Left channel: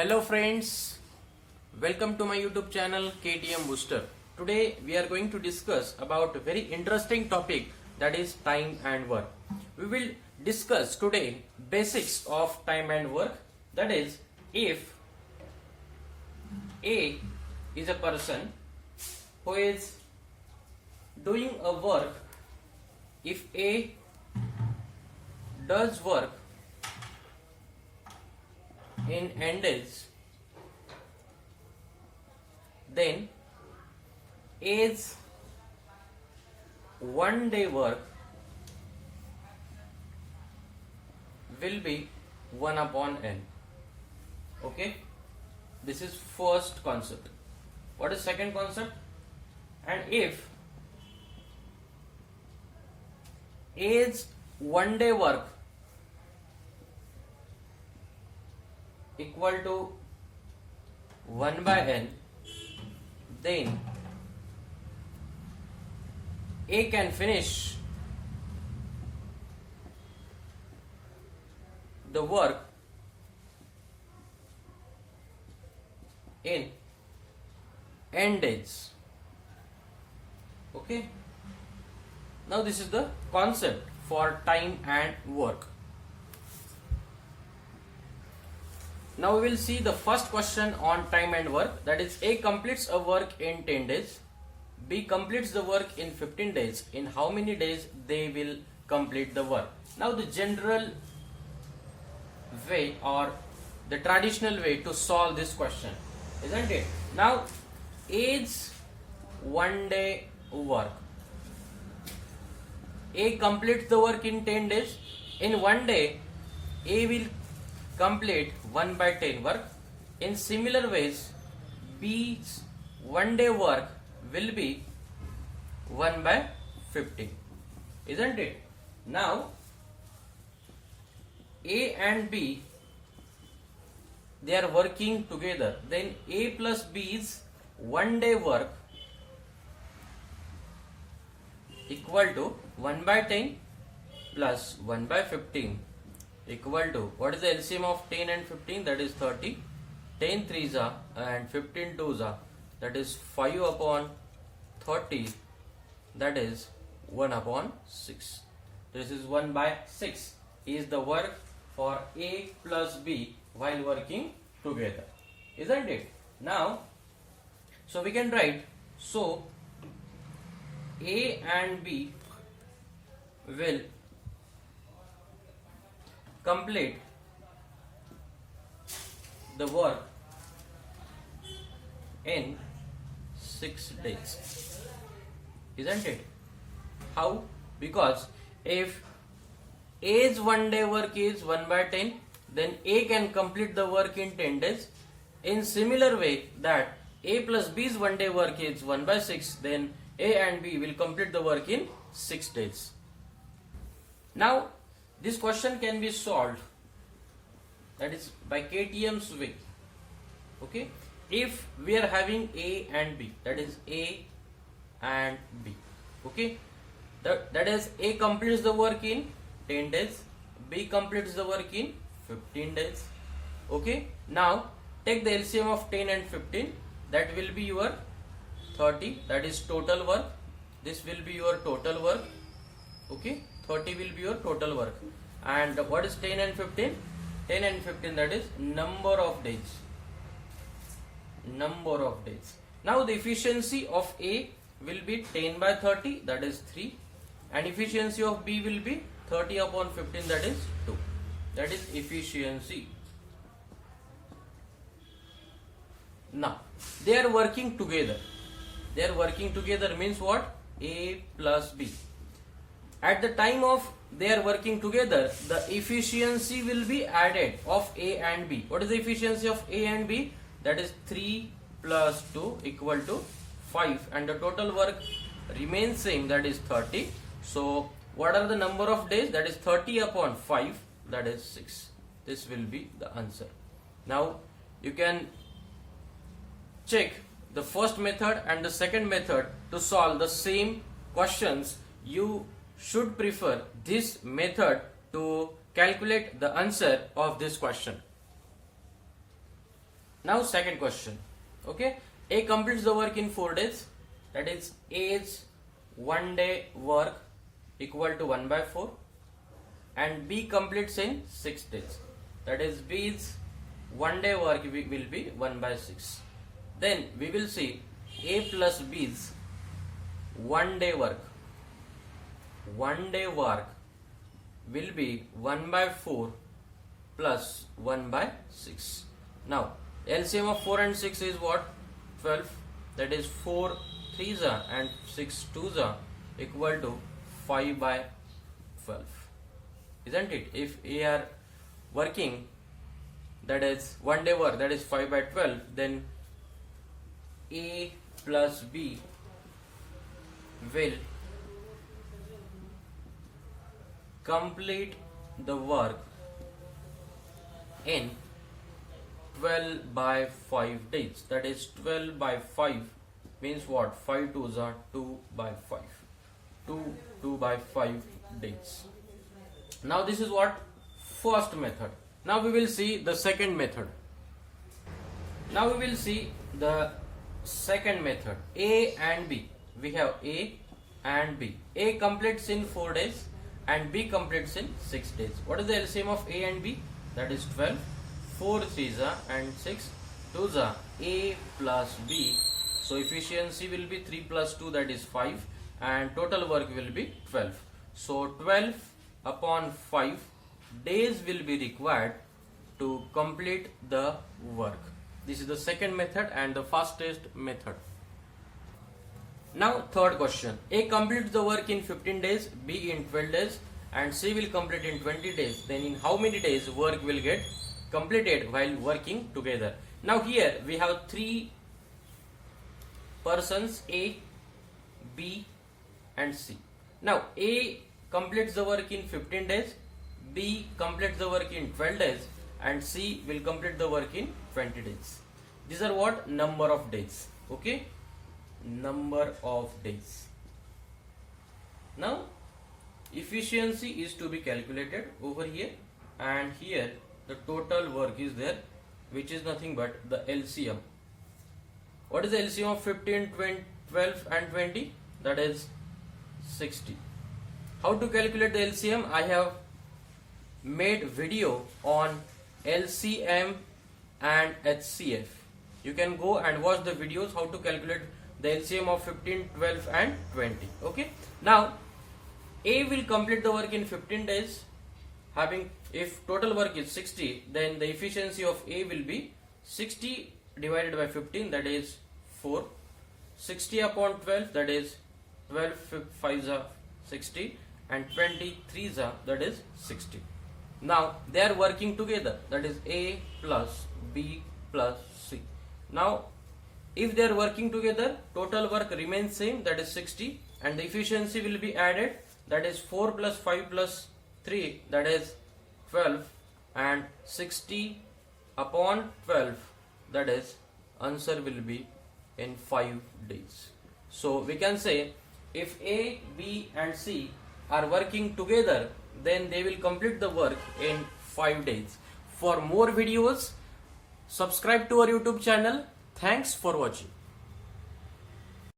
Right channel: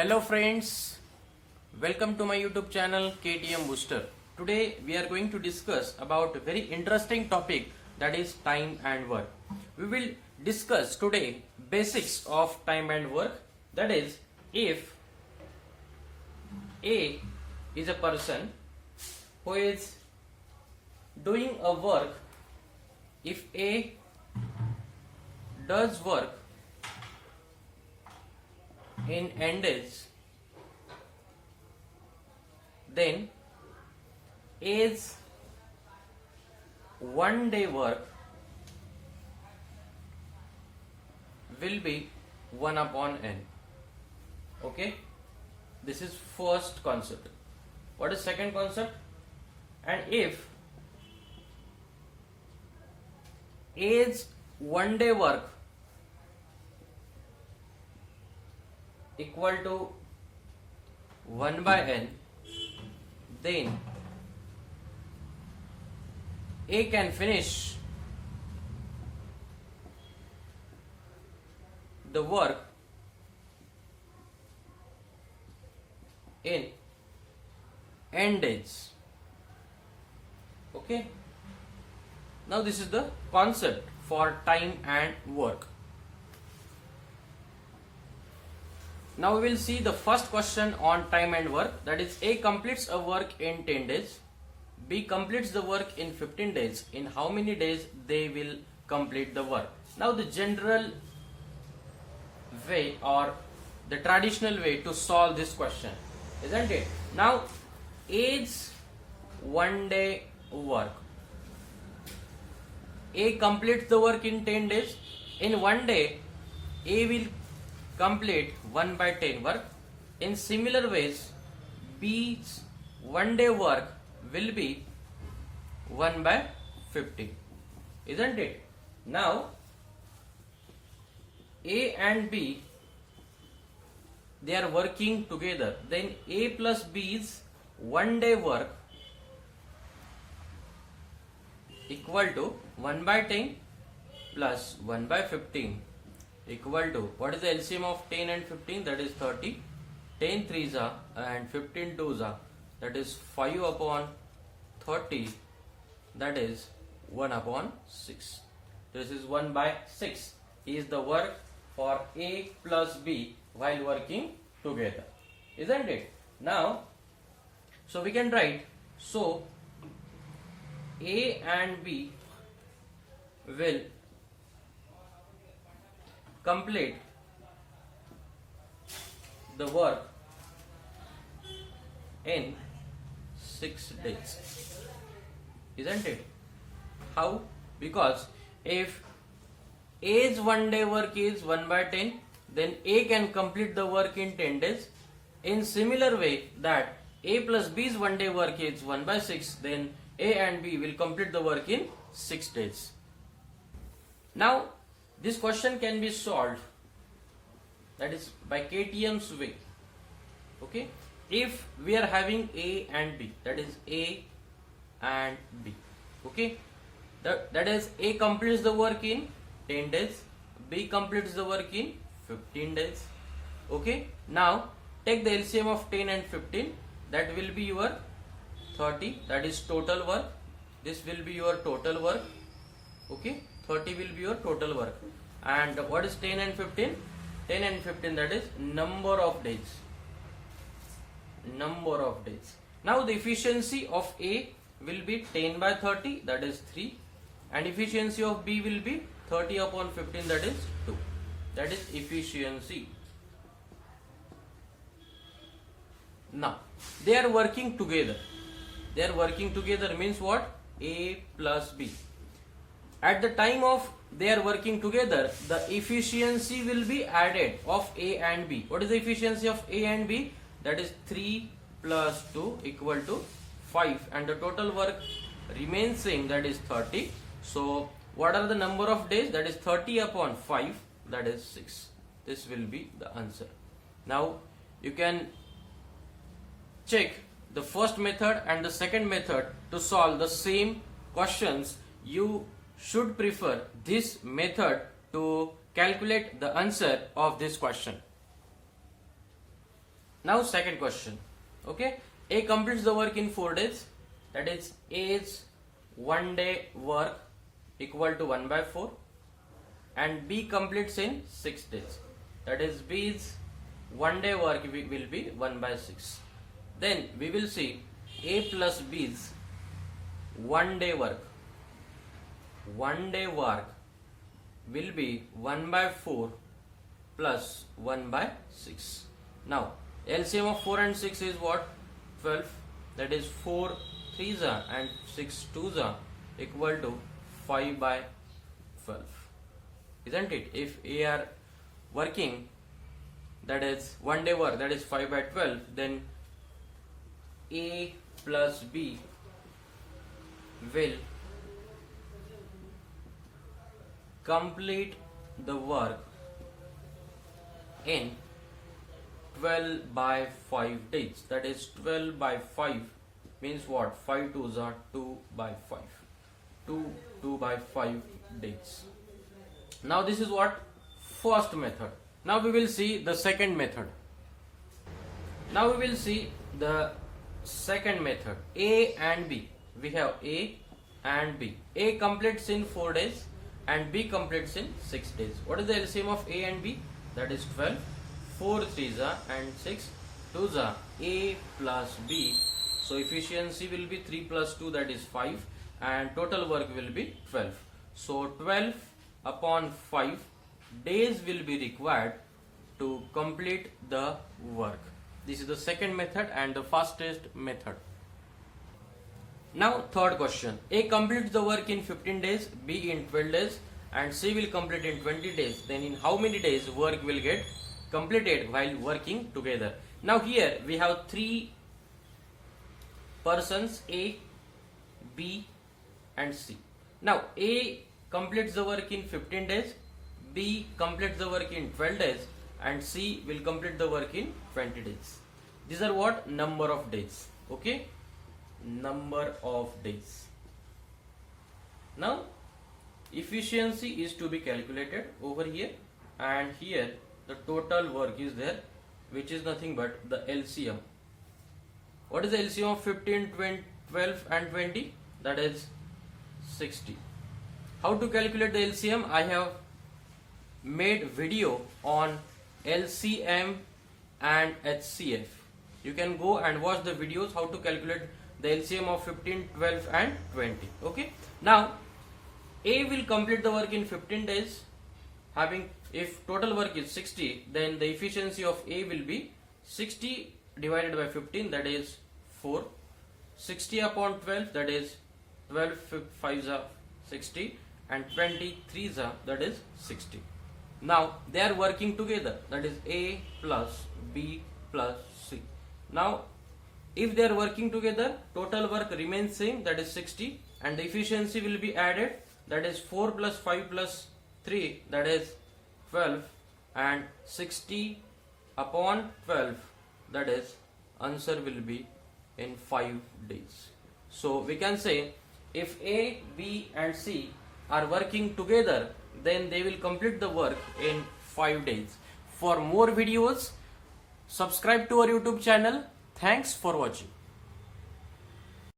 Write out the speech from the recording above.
Hello friends, welcome to my YouTube channel KTM Booster. Today we are going to discuss about a very interesting topic, that is time and work. We will discuss today basics of time and work. That is, if A is a person who is doing a work, if A does work in n days, then A's 1 day work will be 1 upon n. Okay, this is first concept. What is second concept? And if A's 1 day work equal to 1 by n, then A can finish the work in n days. Okay, now this is the concept for time and work. Now we will see the first question on time and work, that is, A completes a work in 10 days, B completes the work in 15 days. In how many days they will complete the work? Now the general way or the traditional way to solve this question, isn't it? Now A's 1 day work, A completes the work in 10 days. In 1 day A will complete 1 by 10 work. In similar ways, B's 1 day work will be 1 by 15, isn't it? Now A and B, they are working together, then A plus B's 1 day work equal to 1 by 10 plus 1 by 15 equal to, what is the LCM of 10 and 15? That is 30. 10 3s are and 15 2s are, that is 5 upon 30, that is 1 upon 6. This is 1 by 6 is the work for A plus B while working together, isn't it? Now, so we can write, so A and B will complete the work in 6 days, isn't it? How? Because if A's 1 day work is 1 by 10, then A can complete the work in 10 days. In similar way that A plus B's 1 day work is 1 by 6, then A and B will complete the work in 6 days. Now this question can be solved, that is by KTM's way. Okay, if we are having A and B, that is A and B. Okay, that is A completes the work in 10 days, B completes the work in 15 days. Okay, now take the LCM of 10 and 15, that will be your 30, that is total work. This will be your total work. Okay, 30 will be your total work. And what is 10 and 15? 10 and 15, that is number of days. Number of days. Now the efficiency of A will be 10 by 30, that is 3. And efficiency of B will be 30 upon 15, that is 2. That is efficiency. Now they are working together. They are working together means what? A plus B. At the time of they are working together, the efficiency will be added of A and B. What is the efficiency of A and B? That is 3 plus 2 equal to 5, and the total work remains same, that is 30. So what are the number of days? That is 30 upon 5, that is 6. This will be the answer. Now you can check the first method and the second method to solve the same questions. You should prefer this method to calculate the answer of this question. Now second question. Okay, A completes the work in 4 days. That is A's 1 day work equal to 1 by 4, and B completes in 6 days. That is B's 1 day work will be 1 by 6. Then we will see A plus B's 1 day work. 1 day work will be 1 by 4 plus 1 by 6. Now LCM of 4 and 6 is what? 12. That is 4 3s are and 6 2s are equal to 5 by 12. Isn't it? If A are working, that is 1 day work, that is 5 by 12, then A plus B will complete the work in 12 by 5 days. That is 12 by 5 means what? 5 2s are 2 by 5. 2 by 5 days. Now this is what? First method. Now we will see the second method. Now we will see the second method. A and B. We have A and B. A completes in 4 days and B completes in 6 days. What is the LCM of A and B? That is 12. 4 3s are and 6 2s are. A plus B. So efficiency will be 3 plus 2, that is 5, and total work will be 12. So 12 upon 5 days will be required to complete the work. This is the second method and the fastest method. Now third question. A completes the work in 15 days, B in 12 days, and C will complete in 20 days. Then in how many days work will get completed while working together? Now here we have 3 persons, A, B and C. Now A completes the work in 15 days, B completes the work in 12 days, and C will complete the work in 20 days. These are what? Number of days. Okay, number of days. Now efficiency is to be calculated over here, and here the total work is there, which is nothing but the LCM. What is the LCM of 15, 20, 12 and 20? That is 60. How to calculate the LCM? I have made video on LCM and HCF. You can go and watch the videos how to calculate the LCM of 15, 12 and 20. Okay. Now A will complete the work in 15 days. If total work is 60, then the efficiency of A will be 60 divided by 15, that is 4. 60 upon 12, that is 12 5s are 60, and 23s are, that is 60. Now they are working together, that is A plus B plus C. Now if they are working together, total work remains same, that is 60, and the efficiency will be added, that is 4 plus 5 plus 3, that is 12, and 60 upon 12, that is answer will be in 5 days. So we can say if A, B and C are working together, then they will complete the work in 5 days. For more videos, subscribe to our YouTube channel. Thanks for watching.